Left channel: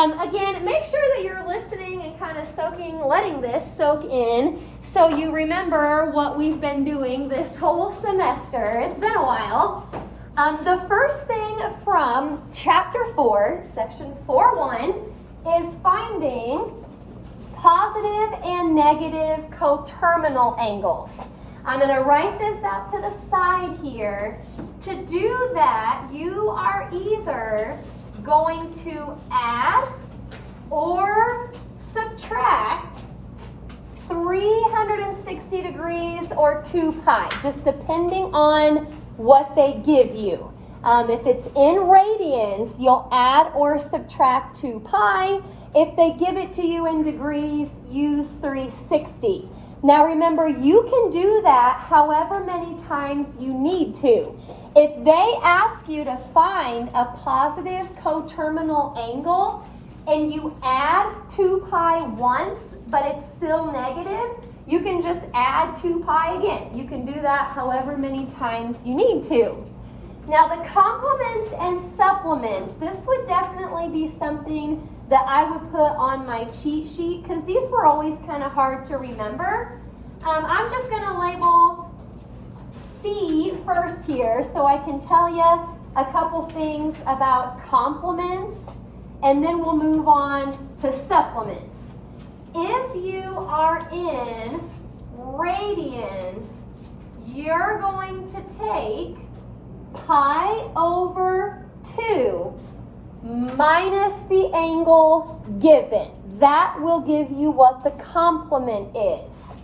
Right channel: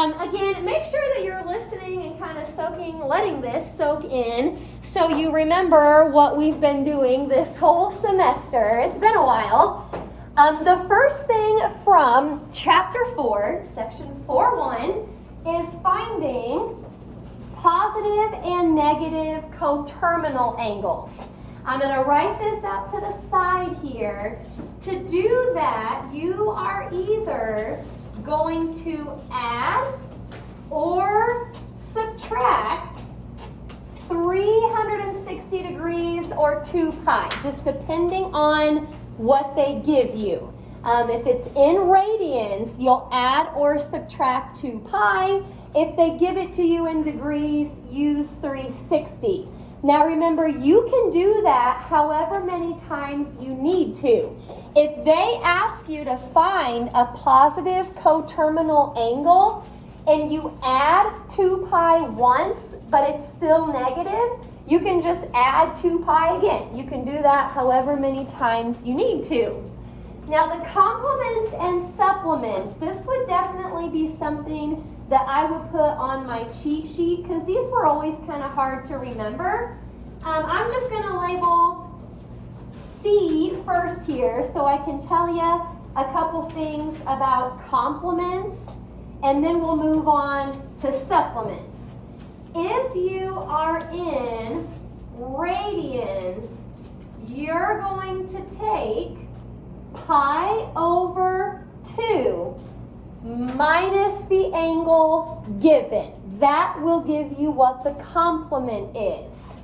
Again, make sure that you're listening and kind of letting this soak in so you remember what we've been doing this whole semester. It's been a while. The first thing from chapter 4, section 4.1, is finding positive and negative coterminal angles. I'm going to write this out to the side here. To do that, you are either going to add or subtract 360 degrees or 2 pi, just depending on what they give you. If it's in radians, you'll add or subtract 2 pi. If they give it to you in degrees, use 360. Now remember, you can do that however many times you need to. If they ask you to find a positive coterminal angle and you add 2 pi once, but it's still negative, you can just add 2 pi again. You can do that however many times you need to. Now the complements and supplements, this would definitely be something that I would put on my cheat sheet because these were always kind of hard to remember. I'm just going to label C first here so I can tell you a couple things about complements, and then we'll move on to supplements. If you are in radians, you're going to take pi over 2 minus the angle given. That will give you what the complement is.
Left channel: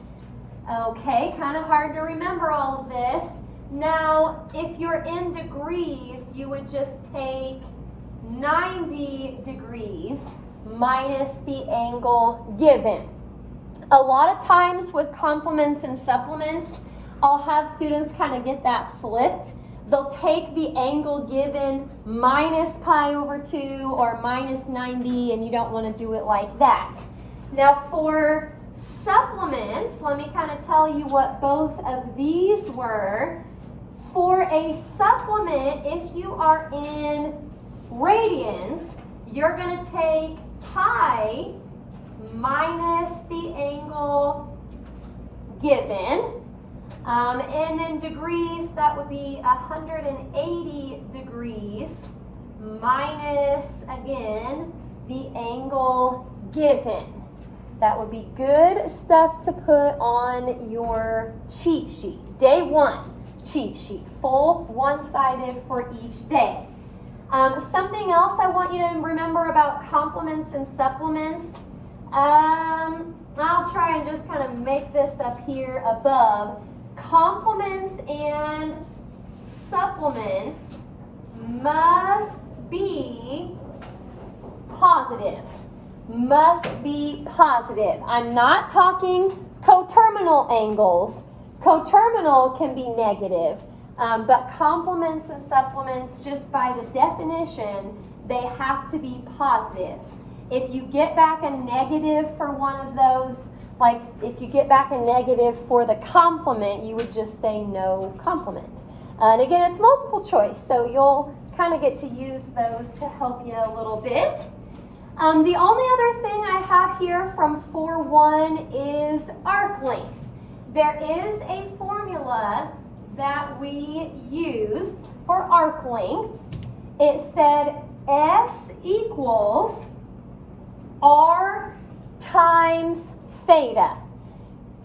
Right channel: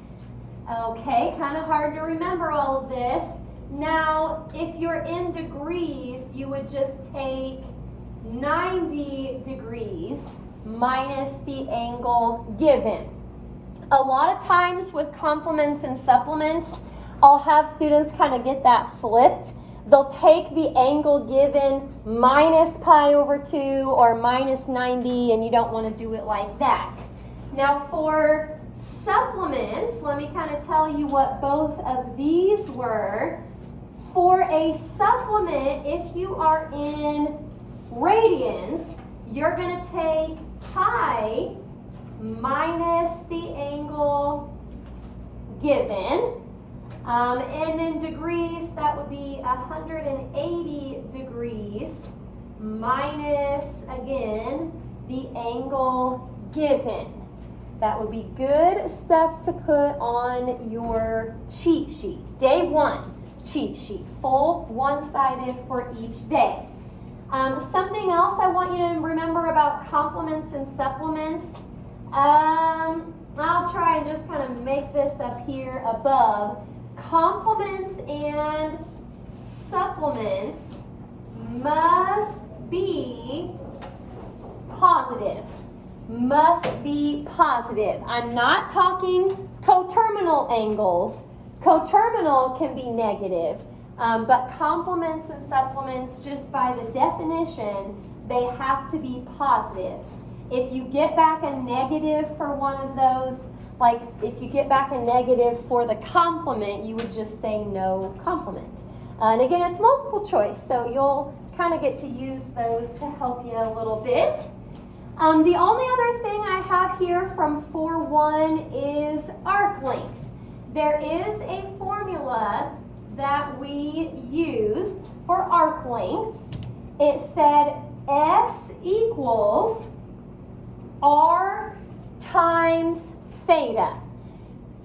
Okay, kind of hard to remember all of this. Now, if you're in degrees, you would just take 90 degrees minus the angle given. A lot of times with complements and supplements, I'll have students kind of get that flipped. They'll take the angle given minus pi over 2 or minus 90, and you don't want to do it like that. Now for supplements, let me kind of tell you what both of these were. For a supplement, if you are in radians, you're going to take pi minus the angle given. And in degrees, that would be 180 degrees minus, again, the angle given. That would be good stuff to put on your cheat sheet. Day 1 cheat sheet, full one-sided for each day. Something else I want you to remember about complements and supplements. I'll try and just kind of make this up here above. Complements and supplements must be positive. Must be positive. I'm not talking coterminal angles. Coterminal can be negative, but complements and supplements, just by the definition, they have to be positive. If you get back a negative for one of those, like if you get back a negative for the complement, you would just say no complement. And again, it's multiple choice, so you'll kind of get to use those to help you a little bit. The only other thing I have here from 4.1 is arc length. There is a formula that we used for arc length. It said S equals R times theta.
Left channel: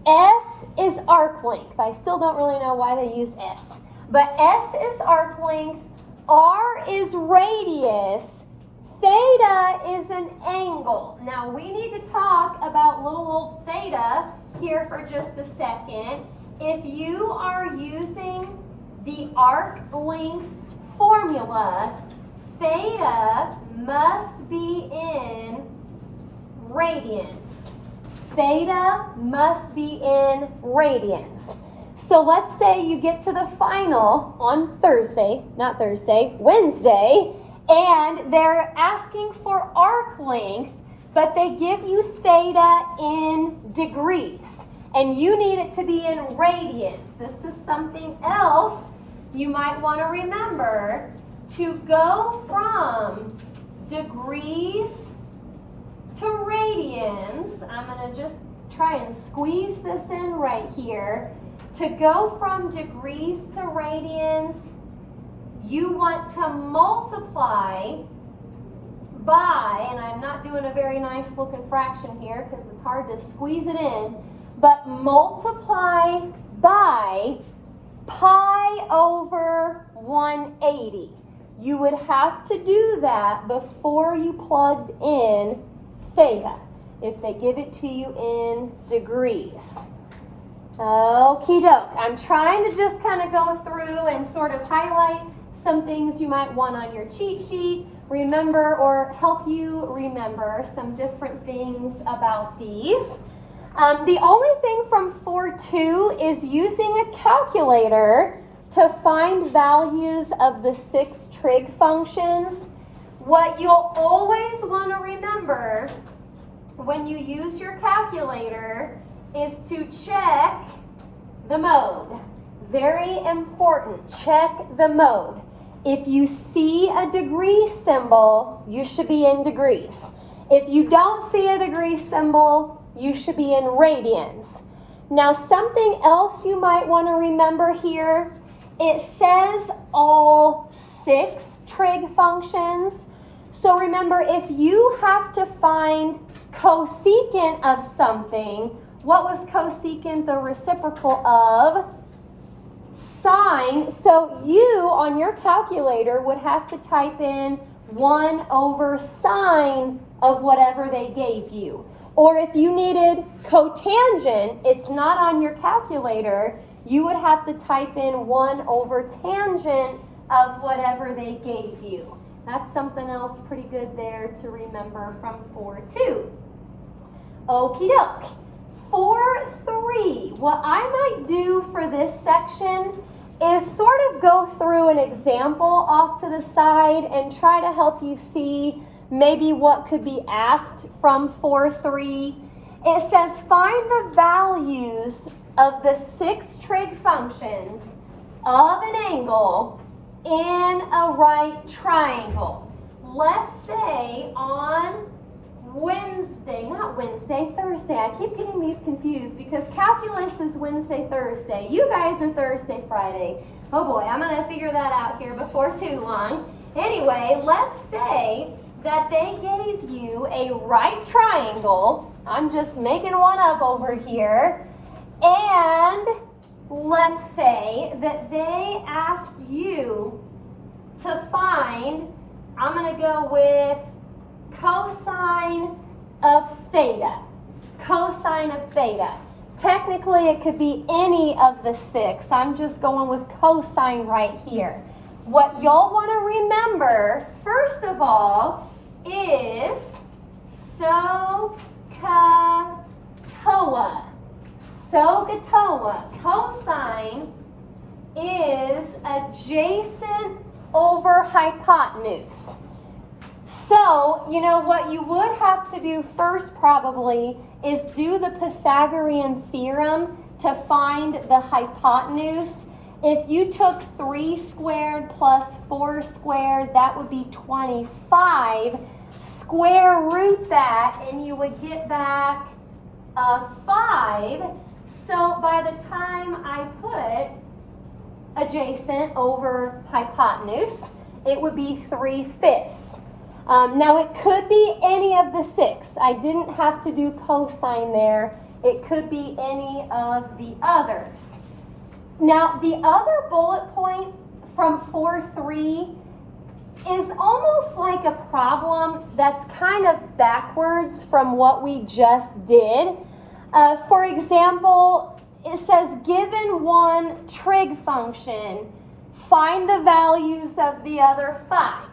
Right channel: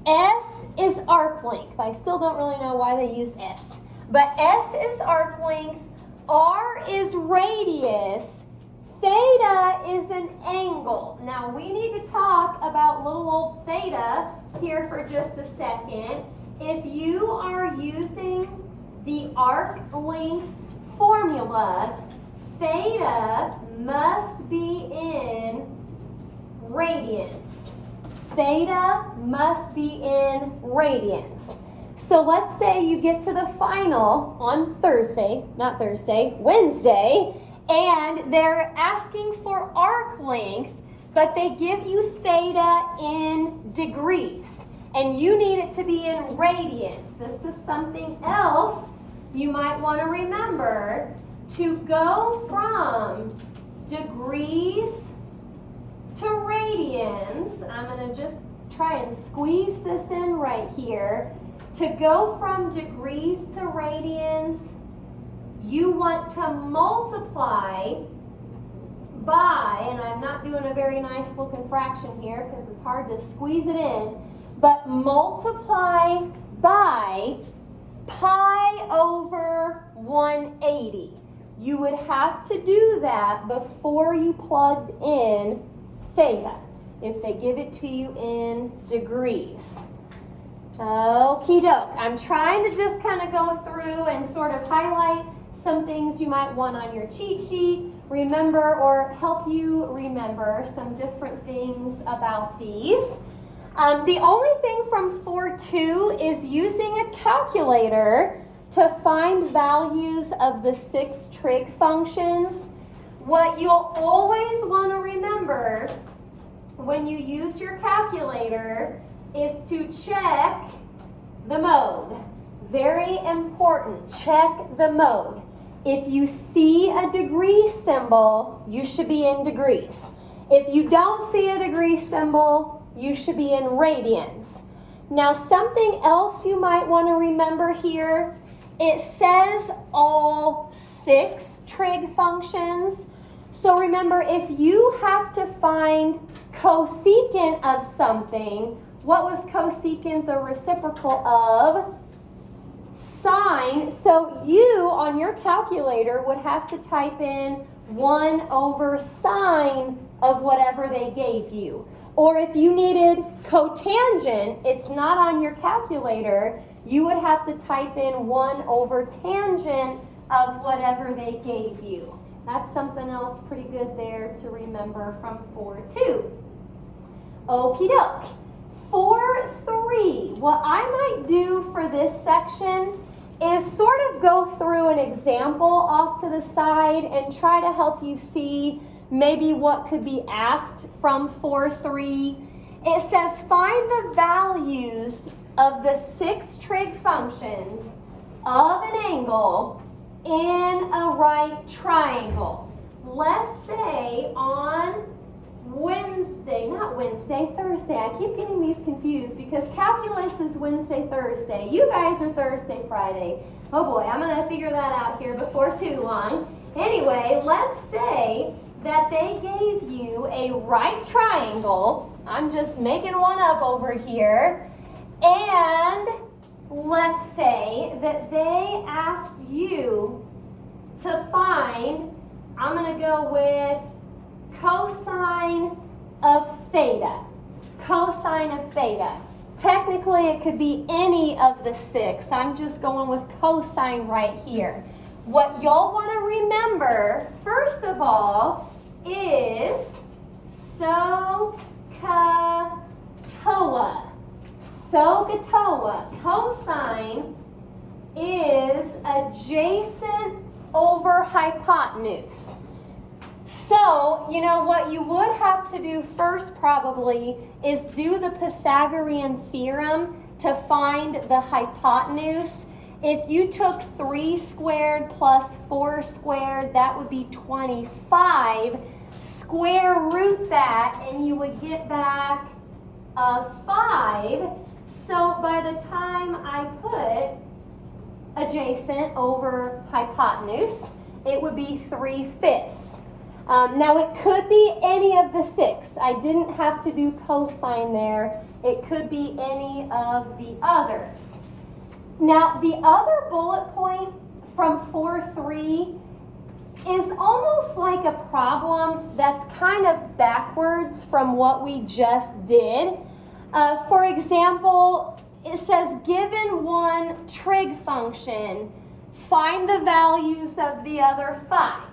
S is arc length. I still don't really know why they use S. But S is arc length, R is radius, theta is an angle. Now we need to talk about little old theta here for just a second. If you are using the arc length formula, theta must be in radians. Theta must be in radians. So let's say you get to the final on Wednesday, and they're asking for arc length, but they give you theta in degrees, and you need it to be in radians. This is something else you might want to remember. To go from degrees to radians, I'm going to just try and squeeze this in right here. To go from degrees to radians, you want to multiply by, and I'm not doing a very nice looking fraction here because it's hard to squeeze it in, but multiply by pi over 180. You would have to do that before you plugged in theta, if they give it to you in degrees. Okie doke. I'm trying to just kind of go through and sort of highlight some things you might want on your cheat sheet, remember, or help you remember some different things about these. The only thing from 4.2 is using a calculator to find values of the 6 trig functions. What you'll always want to remember when you use your calculator is to check the mode. Very important, check the mode. If you see a degree symbol, you should be in degrees. If you don't see a degree symbol, you should be in radians. Now, something else you might want to remember here, it says all 6 trig functions. So remember, if you have to find cosecant of something, what was cosecant the reciprocal of? Sine. So you, on your calculator, would have to type in 1 over sine of whatever they gave you. Or if you needed cotangent, it's not on your calculator, you would have to type in 1 over tangent of whatever they gave you. That's something else pretty good there to remember from 4.2. Okie doke. 4.3, what I might do for this section is sort of go through an example off to the side and try to help you see maybe what could be asked from 4.3. It says find the values of the 6 trig functions of an angle in a right triangle. Let's say on Thursday. I keep getting these confused because calculus is Wednesday, Thursday. You guys are Thursday, Friday. Oh boy, I'm going to figure that out here before too long. Anyway, let's say that they gave you a right triangle. I'm just making one up over here. And let's say that they asked you to find, I'm going to go with cosine of theta. Cosine of theta. Technically, it could be any of the 6. I'm just going with cosine right here. What y'all want to remember, first of all, is SOHCAHTOA. SOHCAHTOA. Cosine is adjacent over hypotenuse. So, you know, what you would have to do first probably is do the Pythagorean theorem to find the hypotenuse. If you took 3 squared plus 4 squared, that would be 25. Square root that and you would get back a 5. So by the time I put adjacent over hypotenuse, it would be 3/5. Now it could be any of the 6. I didn't have to do cosine there. It could be any of the others. Now the other bullet point from 4.3 is almost like a problem that's kind of backwards from what we just did. For example, it says given one trig function, find the values of the other 5.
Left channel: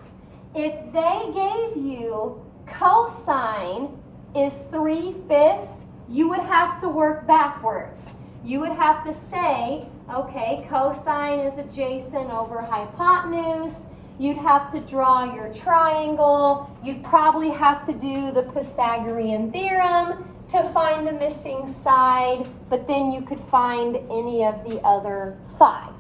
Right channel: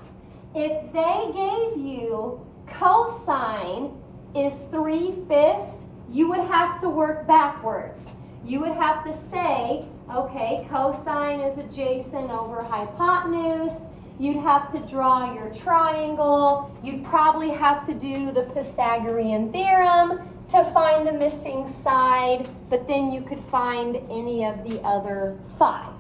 If they gave you cosine is 3/5, you would have to work backwards. You would have to say, okay, cosine is adjacent over hypotenuse. You'd have to draw your triangle. You'd probably have to do the Pythagorean theorem to find the missing side, but then you could find any of the other 5.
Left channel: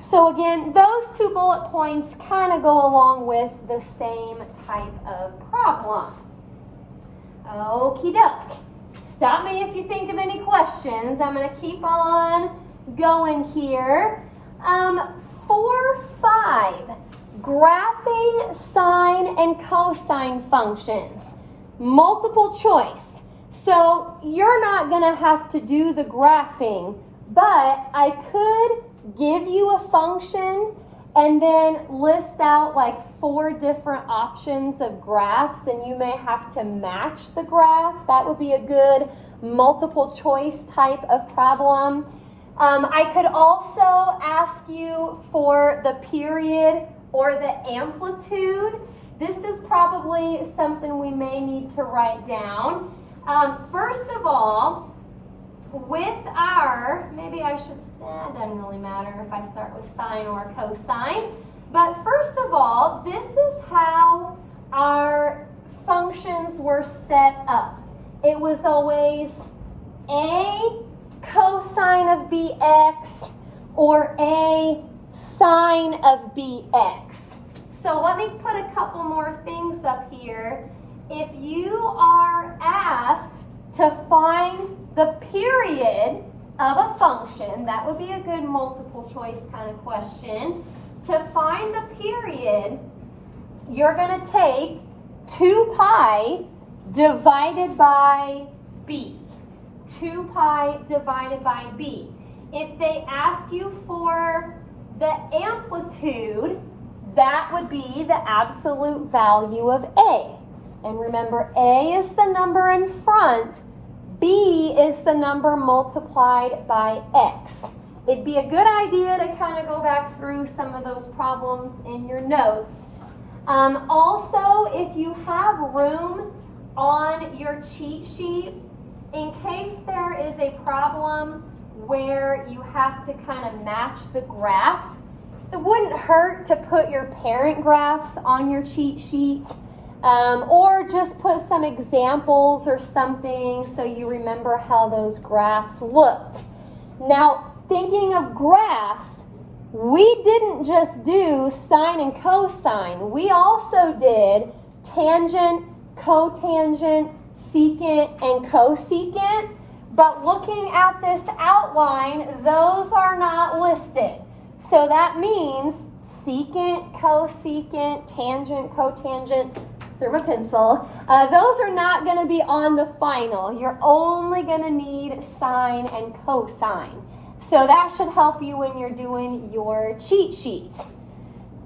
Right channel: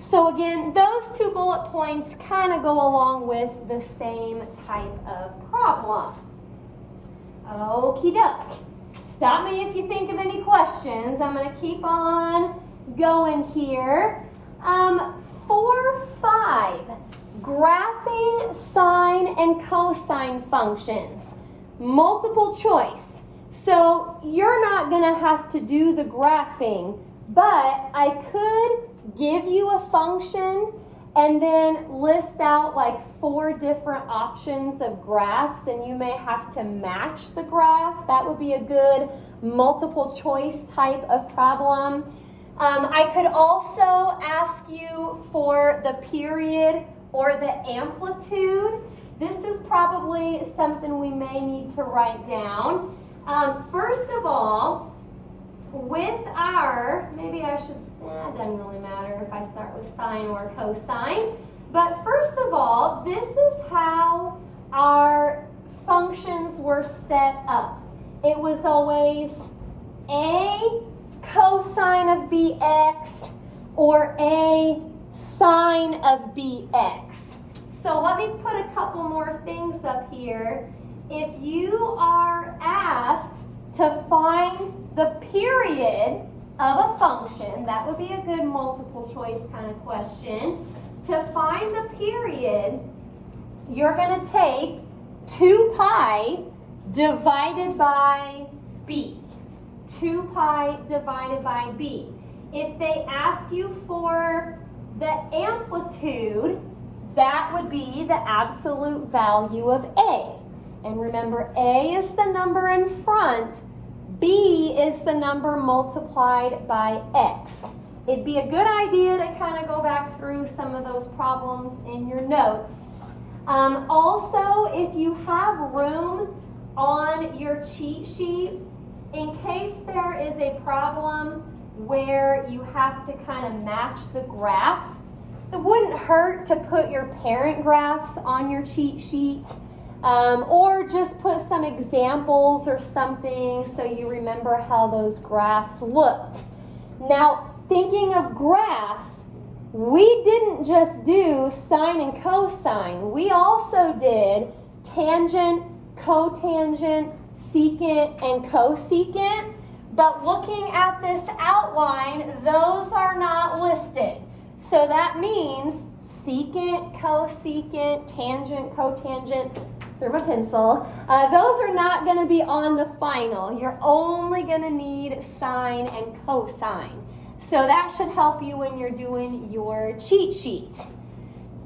So again, those 2 bullet points kind of go along with the same type of problem. Okie doke. Stop me if you think of any questions. I'm going to keep on going here. 4-5, graphing sine and cosine functions. Multiple choice. So you're not going to have to do the graphing, but I could give you a function and then list out like 4 different options of graphs, and you may have to match the graph. That would be a good multiple choice type of problem. I could also ask you for the period or the amplitude. This is probably something we may need to write down. First of all, with our, maybe I should, it doesn't really matter if I start with sine or cosine, but first of all, this is how our functions were set up. It was always a cosine of bx or a sine of bx. So let me put a couple more things up here. If you are asked to find the period of a function, that would be a good multiple choice kind of question. To find the period, you're going to take 2 pi divided by b. 2 pi divided by b. If they ask you for the amplitude, that would be the absolute value of a. And remember, a is the number in front, b is the number multiplied by x. It'd be a good idea to kind of go back through some of those problems in your notes. Also, if you have room on your cheat sheet, in case there is a problem where you have to kind of match the graph, it wouldn't hurt to put your parent graphs on your cheat sheet. Or just put some examples or something so you remember how those graphs looked. Now, thinking of graphs, we didn't just do sine and cosine. We also did tangent, cotangent, secant, and cosecant. But looking at this outline, those are not listed. So that means secant, cosecant, tangent, cotangent, through my pencil. Those are not going to be on the final. You're only going to need sine and cosine. So that should help you when you're doing your cheat sheet.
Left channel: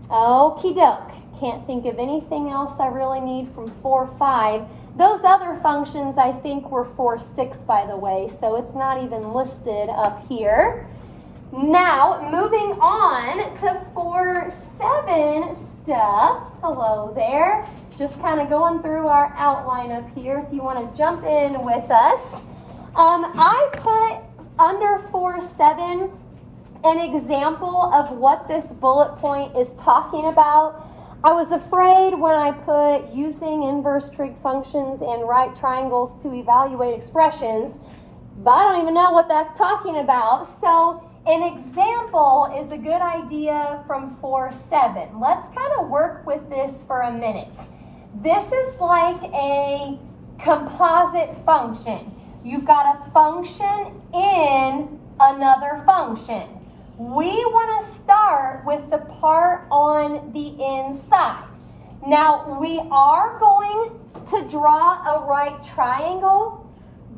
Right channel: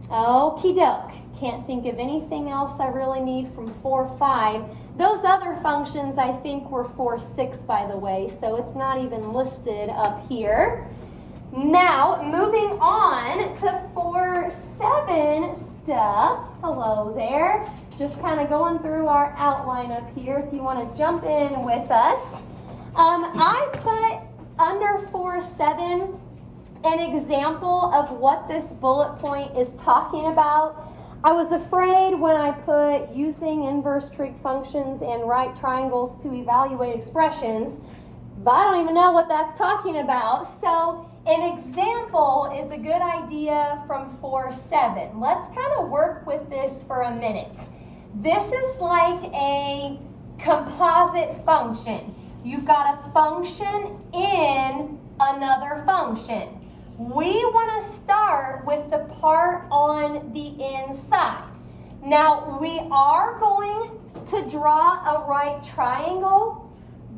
Okie doke. Can't think of anything else I really need from 4-5. Those other functions I think were 4-6, by the way, so it's not even listed up here. Now, moving on to 4-7 stuff. Hello there. Just kind of going through our outline up here if you want to jump in with us. I put under 4-7 an example of what this bullet point is talking about. I was afraid when I put using inverse trig functions and right triangles to evaluate expressions, but I don't even know what that's talking about. So an example is a good idea from 4-7. Let's kind of work with this for a minute. This is like a composite function. You've got a function in another function. We want to start with the part on the inside. Now, we are going to draw a right triangle,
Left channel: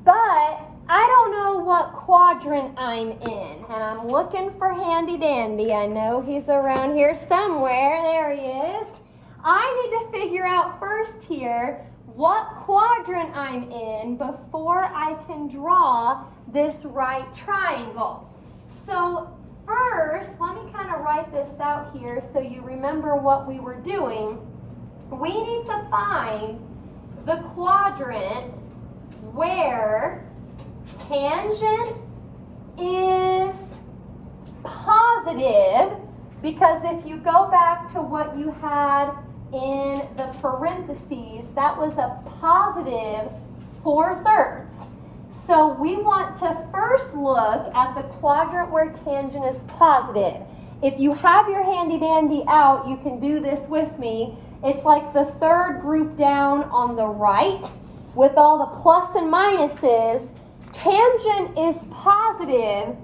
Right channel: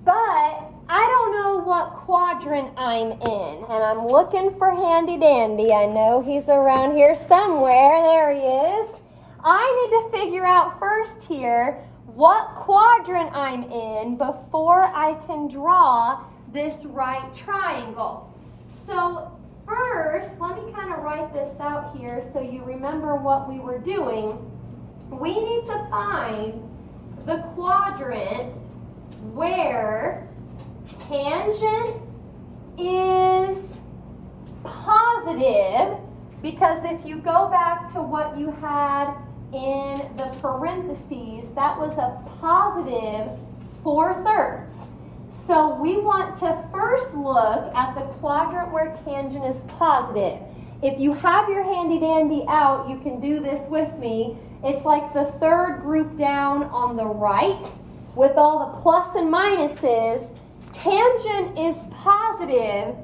but I don't know what quadrant I'm in, and I'm looking for Handy Dandy. I know he's around here somewhere. There he is. I need to figure out first here what quadrant I'm in before I can draw this right triangle. So first, let me kind of write this out here so you remember what we were doing. We need to find the quadrant where tangent is positive, because if you go back to what you had in the parentheses, that was a positive 4/3. So we want to first look at the quadrant where tangent is positive. If you have your handy dandy out, you can do this with me. It's like the third group down on the right. with all the plus and minuses, tangent is positive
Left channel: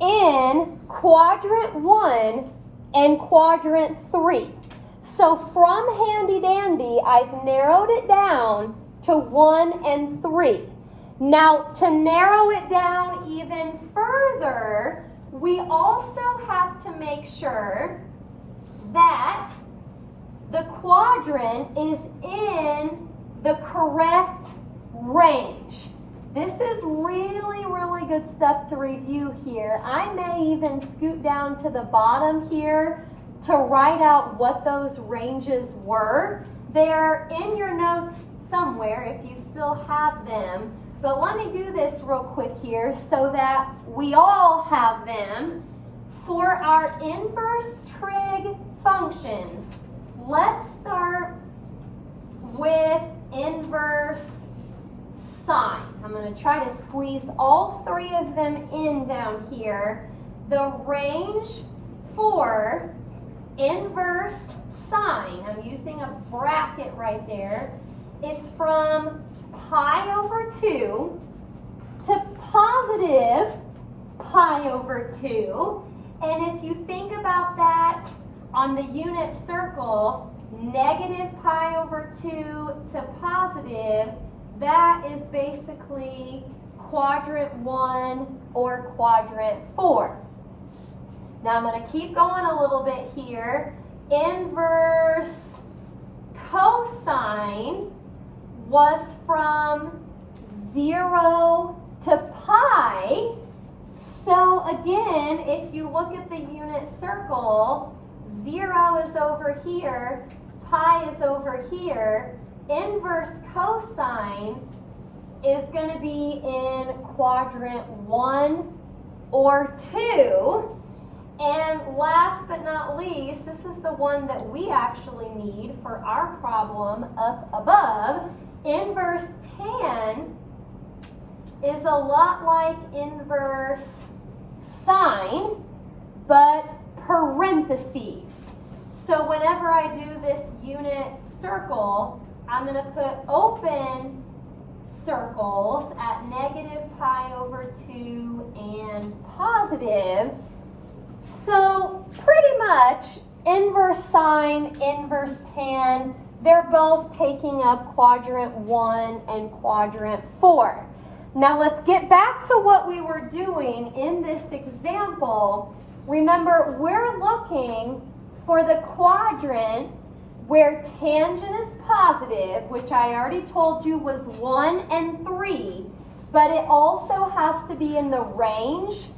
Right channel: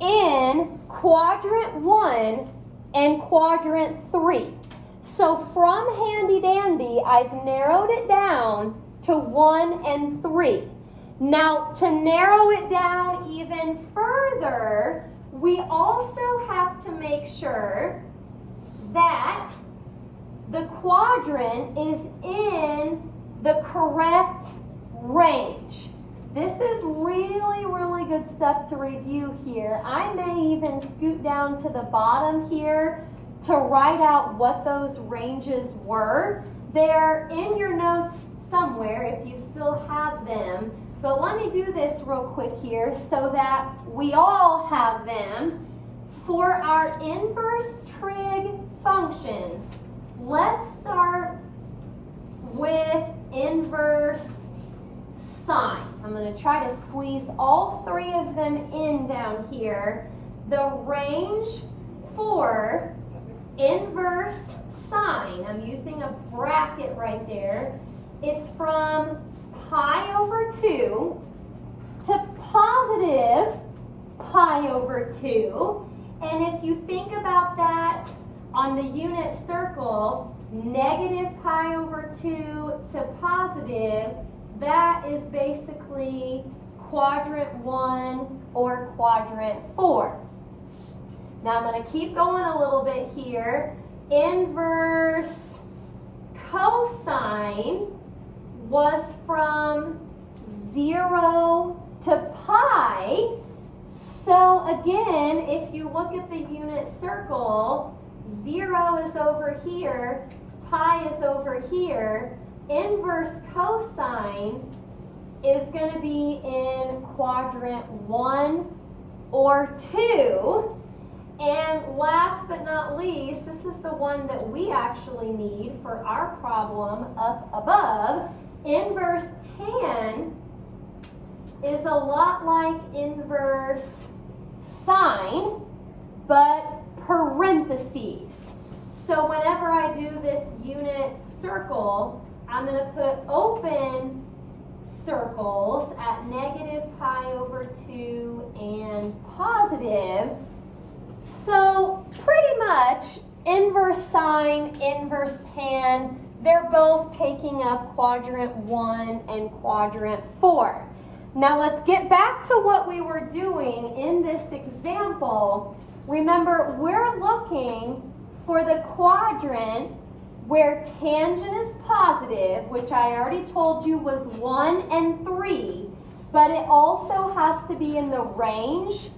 in quadrant 1 and quadrant 3. So from handy dandy, I've narrowed it down to 1 and 3. Now, to narrow it down even further, we also have to make sure that the quadrant is in the correct range. This is really, really good stuff to review here. I may even scoot down to the bottom here to write out what those ranges were. They're in your notes somewhere if you still have them. But let me do this real quick here so that we all have them. For our inverse trig functions, let's start with inverse sine. I'm going to try to squeeze all three of them in down here. The range for inverse sine, I'm using a bracket right there, it's from pi over 2 to positive pi over 2. And if you think about that on the unit circle, negative pi over 2 to positive, that is basically quadrant 1 or quadrant 4. Now I'm going to keep going a little bit here. Inverse cosine was from 0 to pi. So again, if you look at the unit circle, 0 is over here, pi is over here. Inverse cosine is going to be in quadrant 1 or 2. And last but not least, this is the one that we actually need for our problem up above. Inverse tan is a lot like inverse sine, but parentheses. So whenever I do this unit circle, I'm going to put open circles at negative pi over 2 and positive. So pretty much inverse sine, inverse tan, they're both taking up quadrant 1 and quadrant 4. Now let's get back to what we were doing in this example. Remember, we're looking for the quadrant where tangent is positive, which I already told you was 1 and 3, but it also has to be in the range.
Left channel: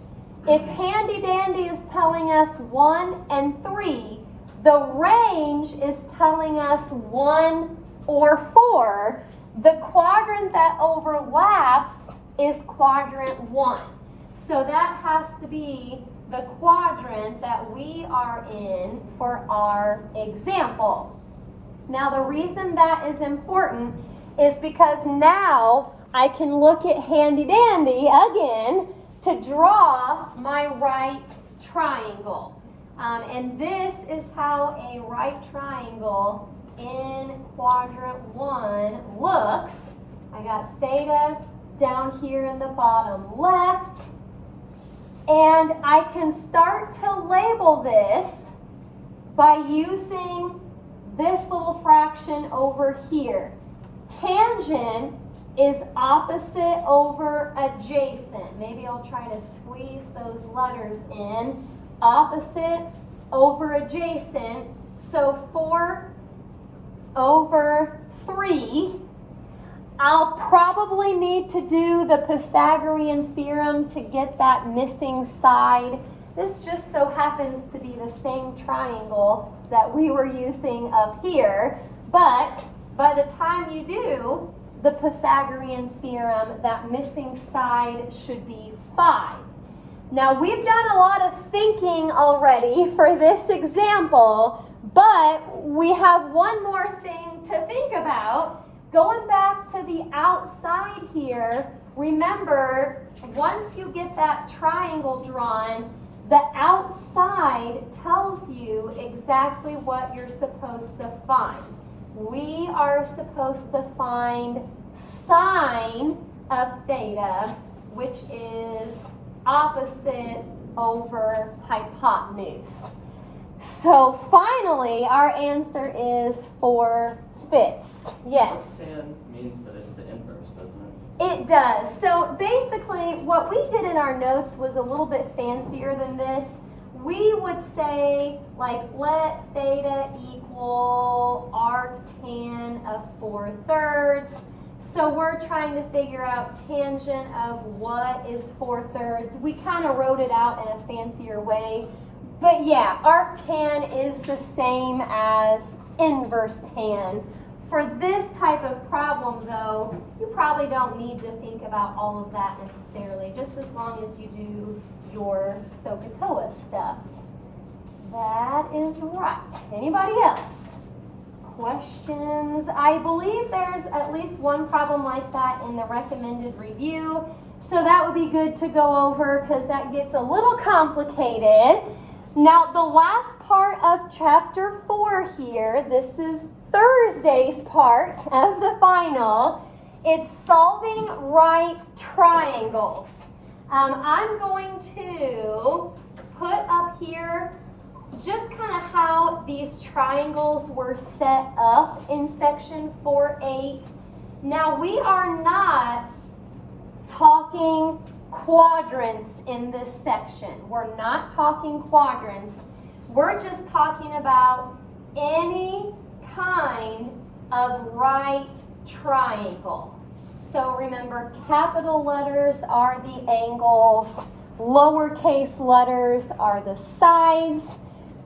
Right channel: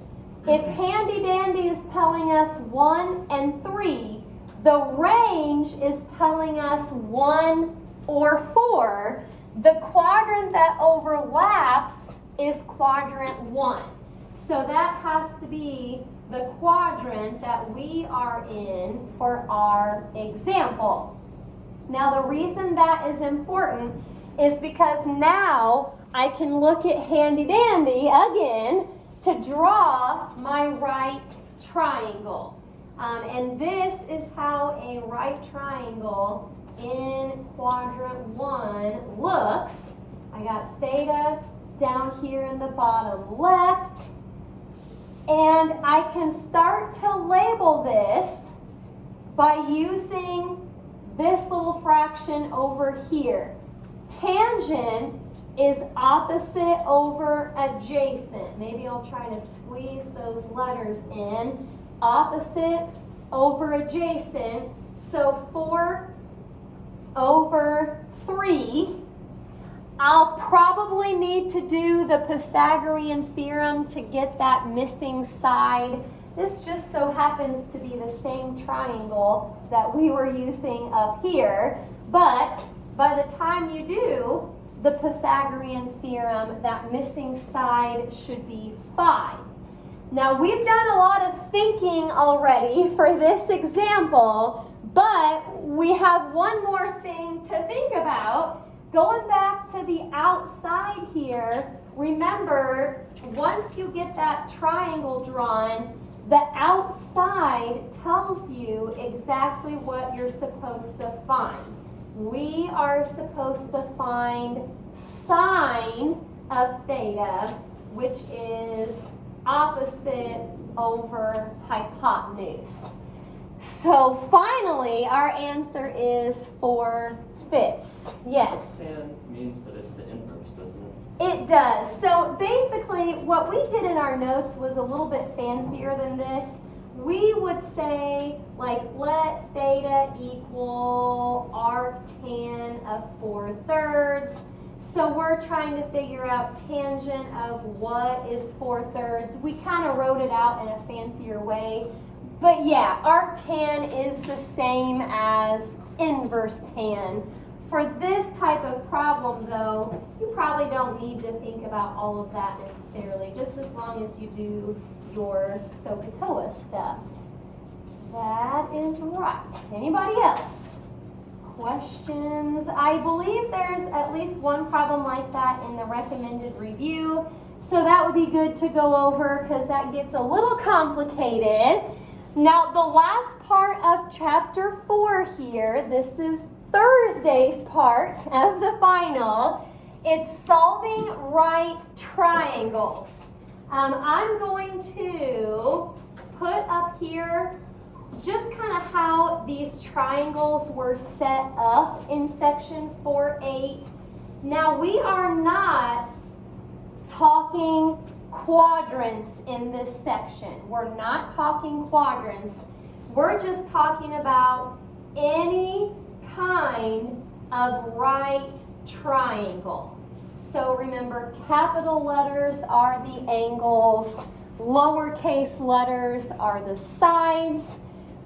If handy dandy is telling us 1 and 3, the range is telling us 1 or 4. The quadrant that overlaps is quadrant 1. So that has to be the quadrant that we are in for our example. Now the reason that is important is because now I can look at handy dandy again to draw my right triangle. And this is how a right triangle in quadrant 1 looks. I got theta down here in the bottom left. And I can start to label this by using this little fraction over here. Tangent is opposite over adjacent. Maybe I'll try to squeeze those letters in. Opposite over adjacent. So 4 over 3. I'll probably need to do the Pythagorean theorem to get that missing side. This just so happens to be the same triangle that we were using up here. But by the time you do the Pythagorean theorem, that missing side should be 5. Now we've done a lot of thinking already for this example, but we have one more thing to think about. Going back to the outside here, remember, once you get that triangle drawn, the outside tells you exactly what you're supposed to find. we are supposed to find sine of theta, which is opposite over hypotenuse. So finally, our answer is 4/5. Yes? Tan means that it's the inverse, doesn't it? It does. So basically, what we did in our notes was a little bit fancier than this. We would say, like, let theta equal arctan of 4/3. So we're trying to figure out tangent of what is 4/3. We kind of wrote it out in a fancier way. But yeah, arctan is the same as inverse tan. For this type of problem, though, you probably don't need to think about all of that necessarily, just as long as you do your SOHCAHTOA stuff. That is right. Anybody else? Questions? I believe there's at least one problem like that in the recommended review, so that would be good to go over because that gets a little complicated. Now, the last part of chapter 4 here, this is Thursday's part of the final. It's solving right triangles. I'm going to put up here just kind of how these triangles were set up in section 4.8. Now, we are not talking quadrants in this section. We're not talking quadrants. We're just talking about any kind of right triangle. So remember, capital letters are the angles, lowercase letters are the sides.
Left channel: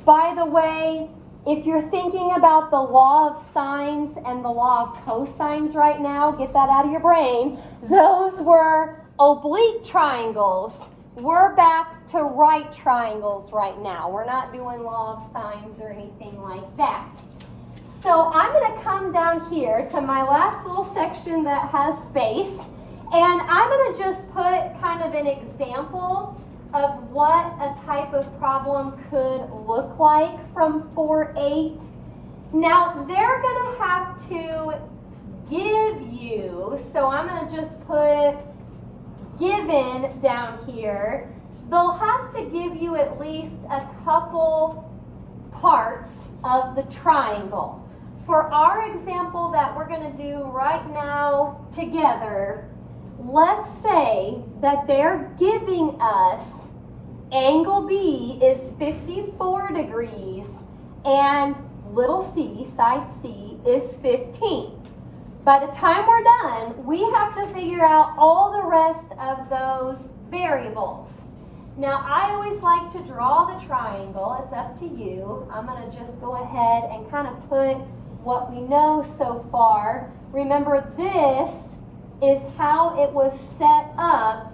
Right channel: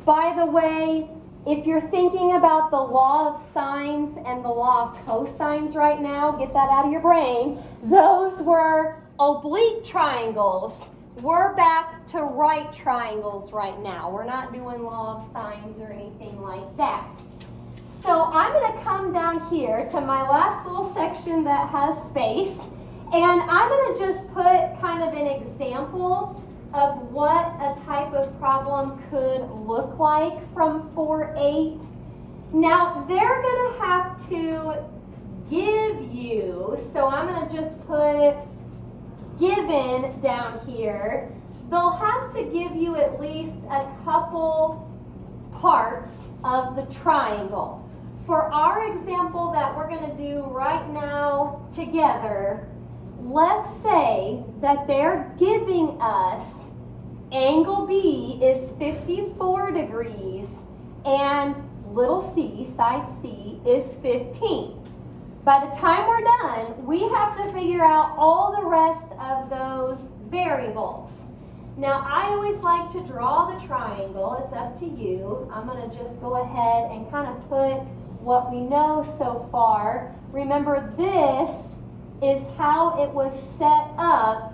By the way, if you're thinking about the law of sines and the law of cosines right now, get that out of your brain. Those were oblique triangles. We're back to right triangles right now. We're not doing law of sines or anything like that. So I'm going to come down here to my last little section that has space, and I'm going to just put kind of an example of what a type of problem could look like from 4.8. Now, they're going to have to give you, so I'm going to just put given down here. They'll have to give you at least a couple parts of the triangle. For our example that we're going to do right now together, let's say that they're giving us angle B is 54 degrees and little c, side C, is 15. By the time we're done, we have to figure out all the rest of those variables. Now, I always like to draw the triangle. It's up to you. I'm going to just go ahead and kind of put what we know so far. Remember, this is how it was set up.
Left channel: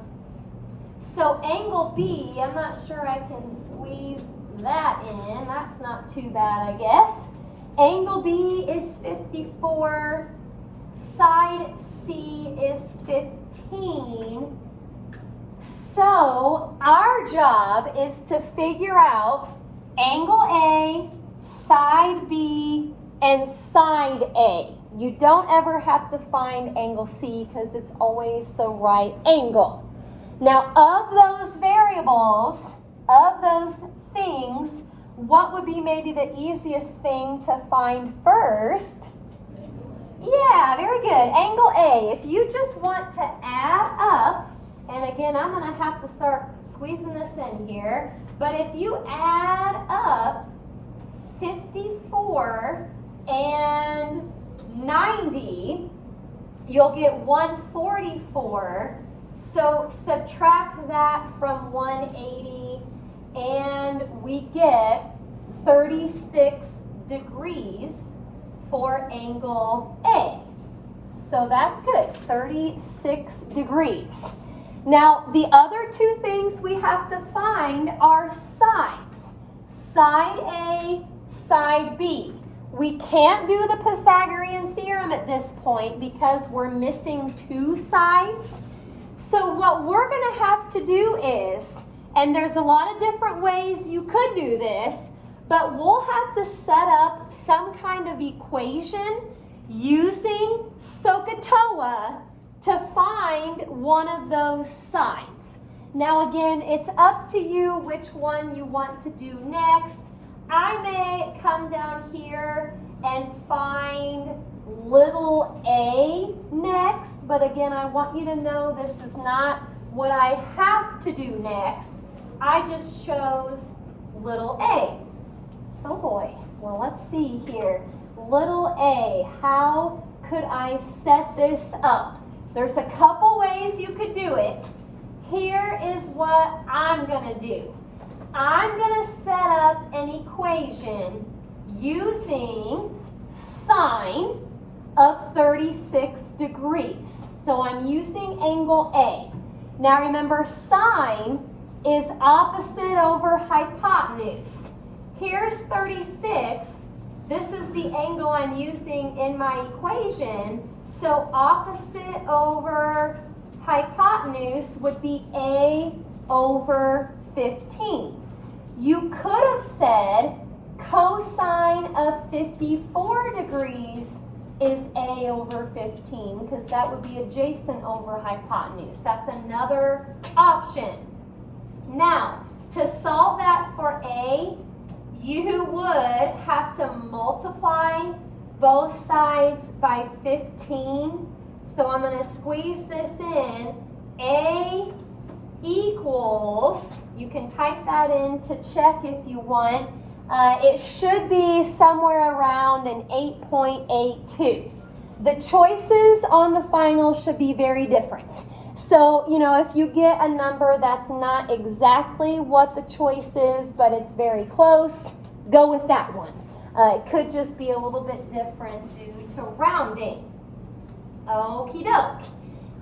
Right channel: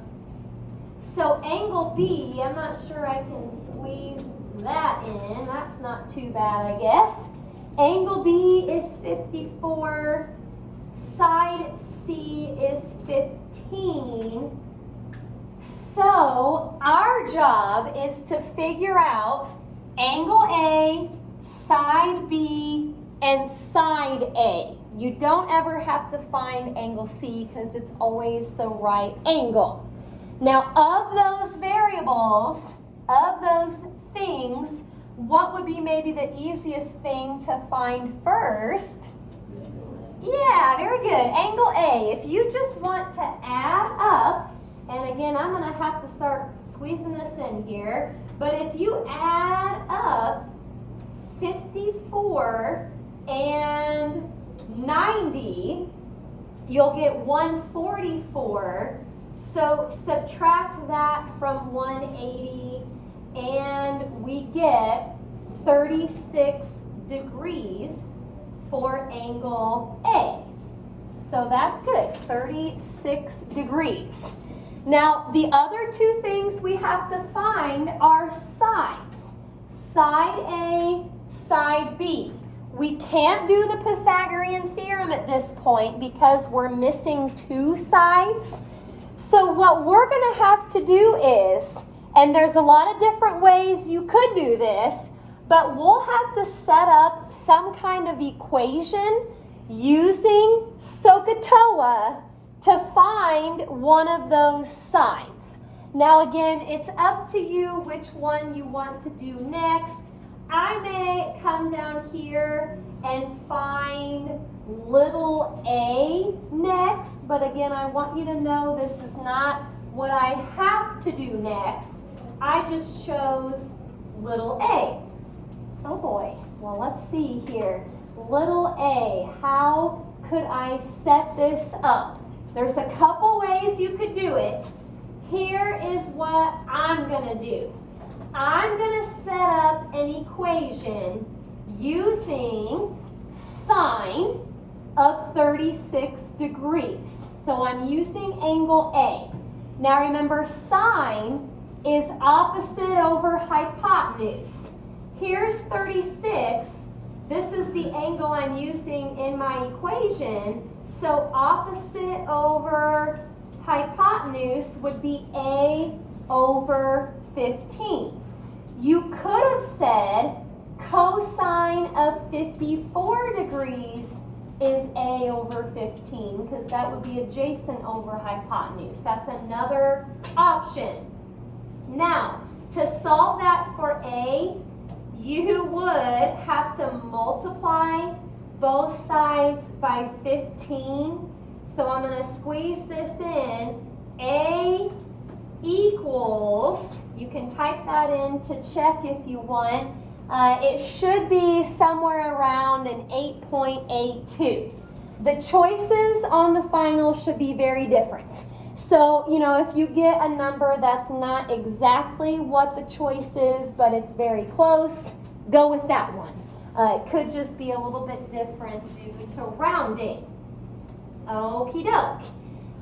So angle B, I'm not sure I can squeeze that in. That's not too bad, I guess. Angle B is 54. Side C is 15. So our job is to figure out angle A, side B, and side A. You don't ever have to find angle C because it's always the right angle. Now, of those variables, of those things, what would be maybe the easiest thing to find first? Yeah, very good. Angle A. If you just want to add up, and again, I'm going to have to start squeezing this in here, but if you add up 54 and 90, you'll get 144. So subtract that from 180, and we get 36 degrees for angle A. So that's good, 36 degrees. Now, the other two things we have to find are sides. Side A, side B. We can't do the Pythagorean theorem at this point because we're missing two sides. So what we're going to have to do is, and there's a lot of different ways you could do this, But we'll have to set up some kind of equation using SOHCAHTOA to find one of those sides. Now again, it's up to you which one you want to do next. I may come down here and find little a next, but again, I want you to know this is not what I have to do next. I just chose little a. Oh boy, well let's see here. Little a, how could I set this up? There's a couple ways you could do it. Here is what I'm gonna do. I'm gonna set up an equation using sine of 36 degrees. So I'm using angle A. Now remember, sine is opposite over hypotenuse. Here's 36. This is the angle I'm using in my equation. So opposite over hypotenuse would be A over 15. You could have said cosine of 54 degrees is A over 15 because that would be adjacent over hypotenuse. That's another option. Now, to solve that for A, you would have to multiply both sides by 15. So I'm going to squeeze this in. A equals, you can type that in to check if you want. It should be somewhere around an 8.82. The choices on the final should be very different. So, you know, if you get a number that's not exactly what the choice is, but it's very close, go with that one. It could just be a little bit different due to rounding. Okie doke.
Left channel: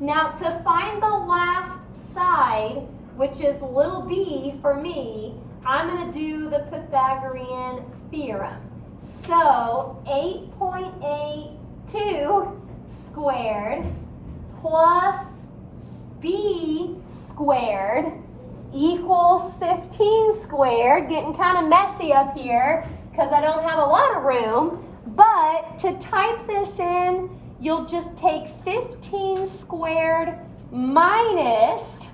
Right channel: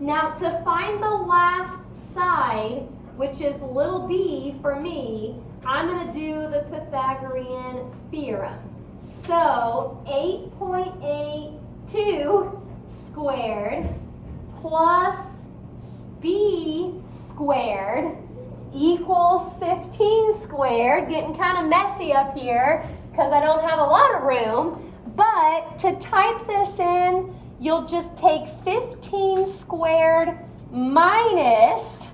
Now, to find the last side, which is little b for me, I'm going to do the Pythagorean theorem. So 8.82 squared plus b squared equals 15 squared. Getting kind of messy up here because I don't have a lot of room. But to type this in, you'll just take 15 squared minus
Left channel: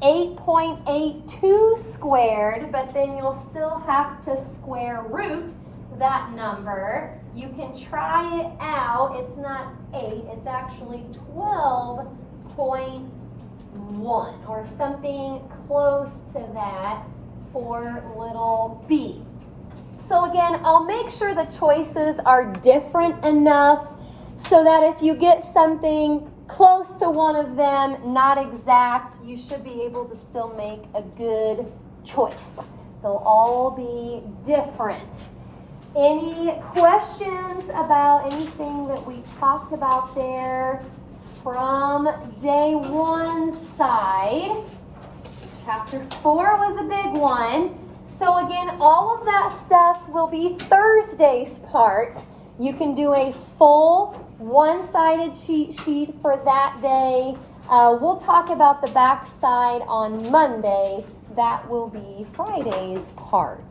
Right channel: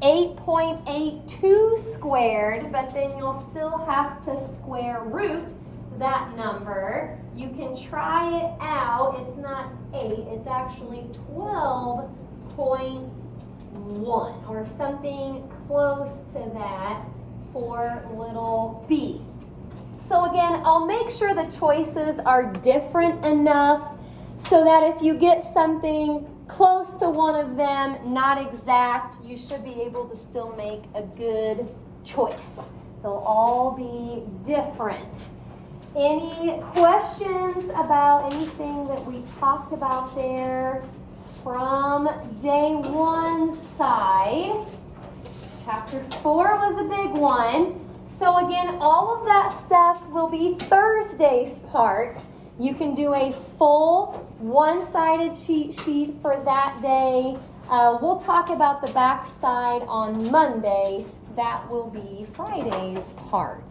8.82 squared, but then you'll still have to square root that number. You can try it out. It's not 8, it's actually 12.1 or something close to that for little b. So again, I'll make sure the choices are different enough so that if you get something close to one of them, not exact, you should be able to still make a good choice. They'll all be different. Any questions about anything that we talked about there from day one side? Chapter 4 was a big one. So again, all of that stuff will be Thursday's part. You can do a full one-sided cheat sheet for that day. We'll talk about the back side on Monday. That will be Friday's part.